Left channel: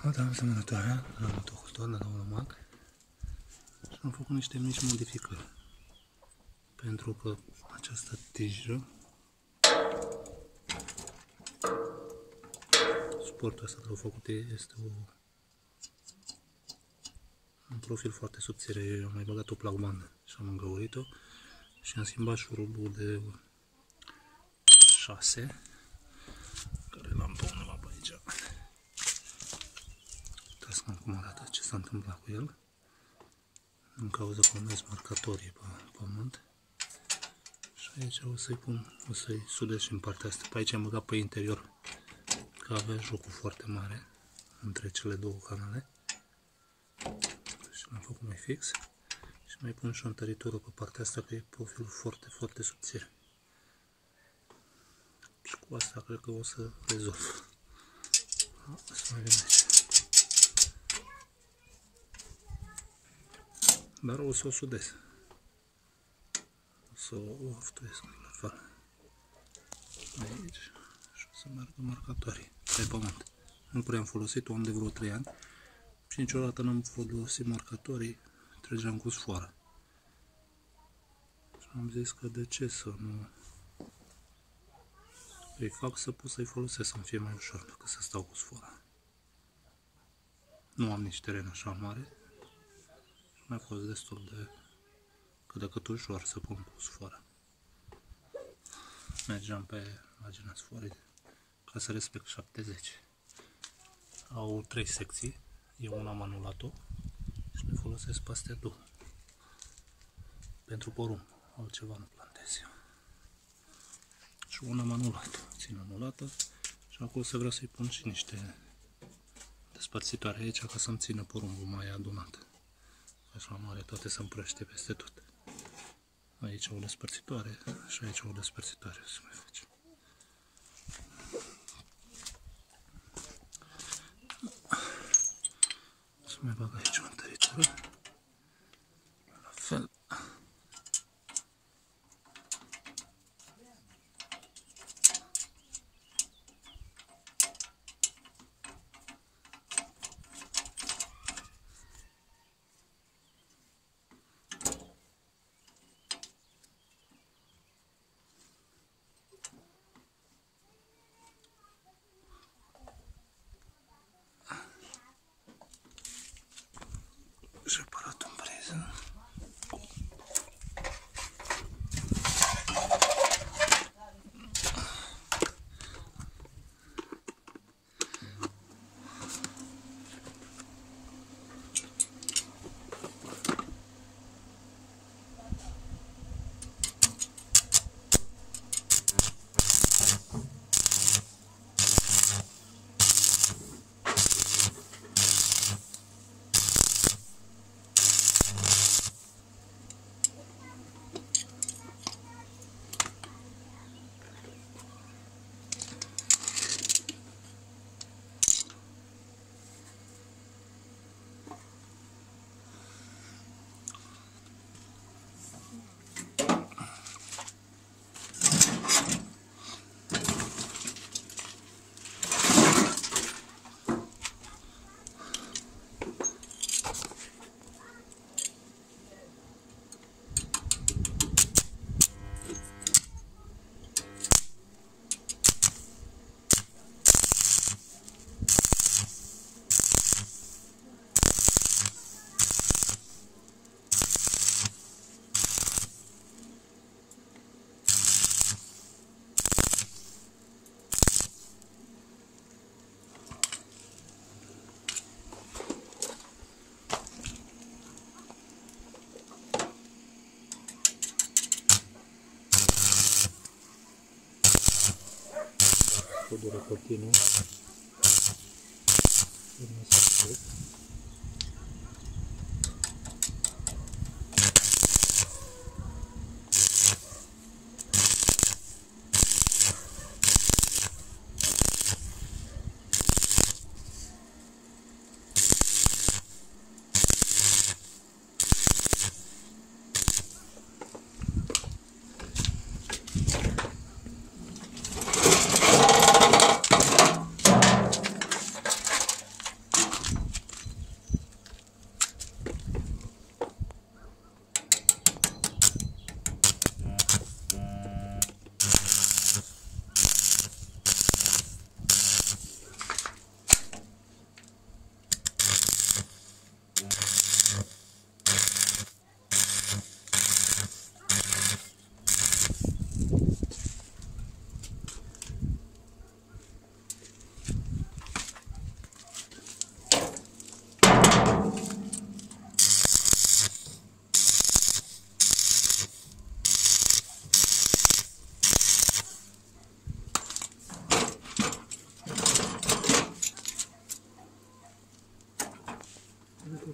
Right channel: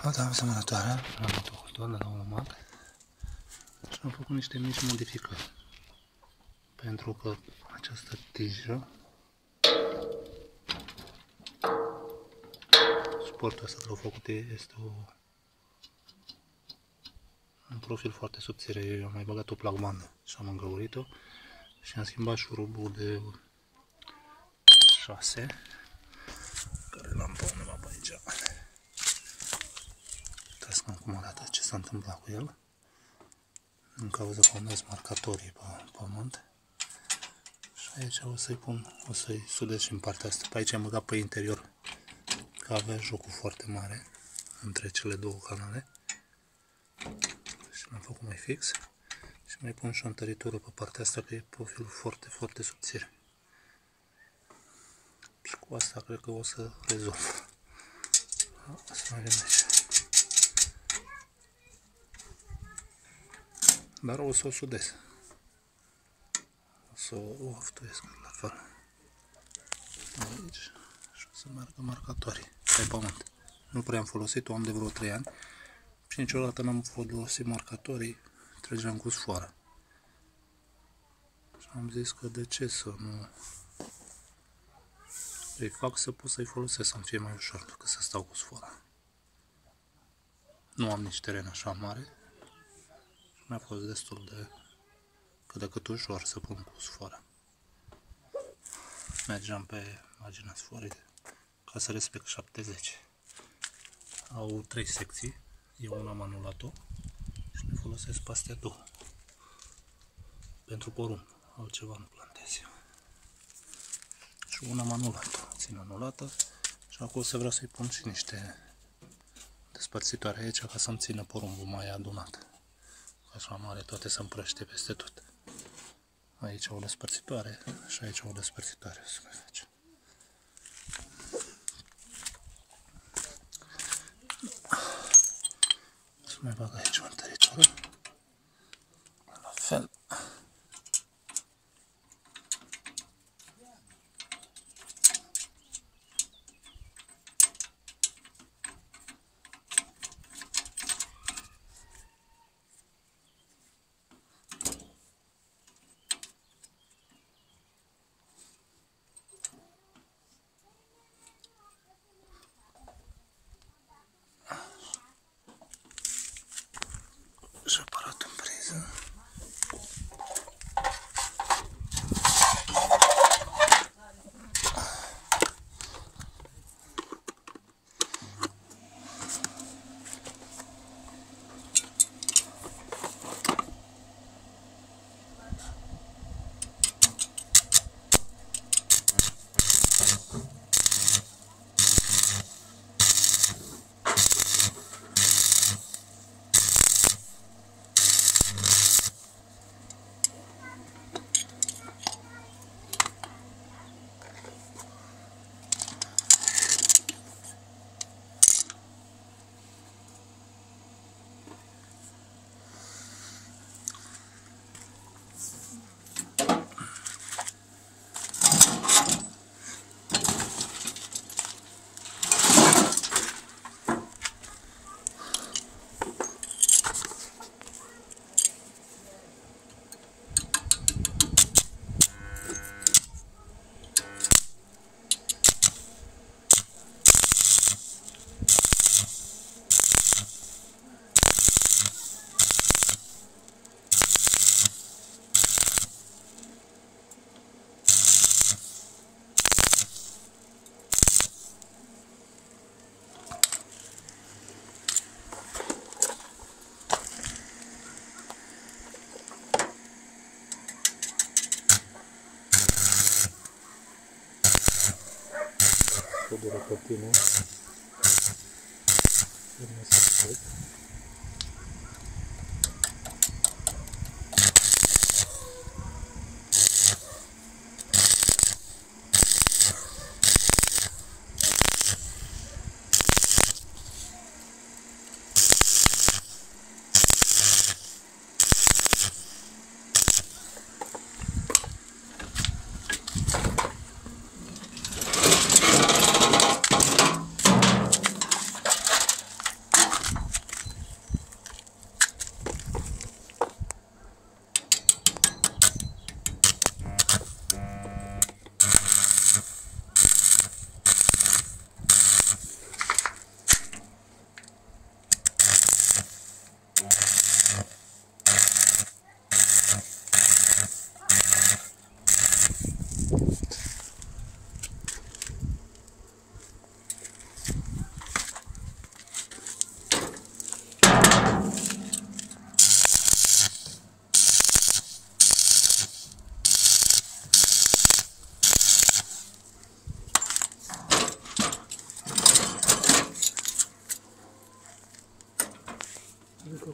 Flota asemănătoare la motocultor de la Olomac și am făcut niște mici modificări pentru că această tijă, suportul ăsta care l-au făcut este un profil foarte subțire. Eu am mai băgat o placbandă și am îngăurit-o și am schimbat șurubul de 6 care l-am pe undeva pe aici. Uitați cum arată, ce s-a întâmplat cu el în cauza că am mers marcatorii pe pământ. Și aici o să-i sudez și în partea asta. Pe aici am băgat pe interior, că avea jocul foarte mare între cele două canale. Și l-am făcut mai fix. Și mai pun și o întăritură pe partea asta, că e profilul foarte, foarte subțire. Și cu asta cred că o să rezolv. Asta mai vine aici. Dar o să o sudez. O să o oftuiesc la fel. Aici. Și o să meargă marcatorii pe pământ. Nu prea am folosit-o, am de vreo 3 ani. Și niciodată n-am folosit marcatorii. Trăgeam cu sfoară. Și am zis că de ce să nu îi fac să pot să-i folosesc, să-mi fie mai ușor decât să stau cu sfoara. Nu am nici teren așa mare. Și mi-a fost destul de cât de cât ușor să pun cu sfoara. Mergeam pe marginea sfoarei ca să respect 70. Au 3 secții. Eu una am anulat-o și le folosesc pe astea două. Pentru porumb. Altceva nu plantez eu. Și una am anulat-o. Țin anulată. Și acum să vreau să-i pun și niște despărțitoare aici ca să-mi țină porumbul mai adunat. Așa mare, toate se împrăște peste tot. Aici o despărțitoare și aici o despărțitoare să mai facem. Să mai bag aici o întăritură. La fel. Și aparatul în priză. Dură continuu. Urmă să plec.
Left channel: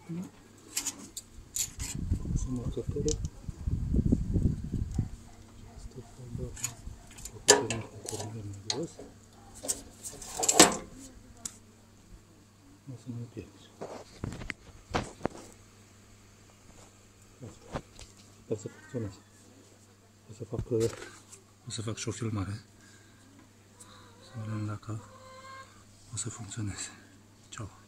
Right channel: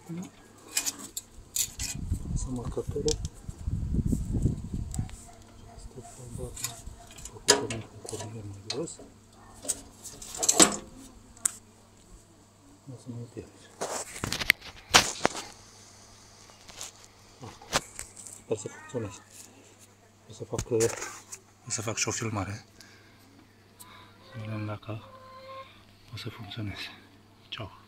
acum. Să marcatorul. Asta e doar cu cornul mai gros. O să mă împiedici. Sper să funcționeze. O să fac și o filmare. Să vedem dacă o să funcționeze. Ciao.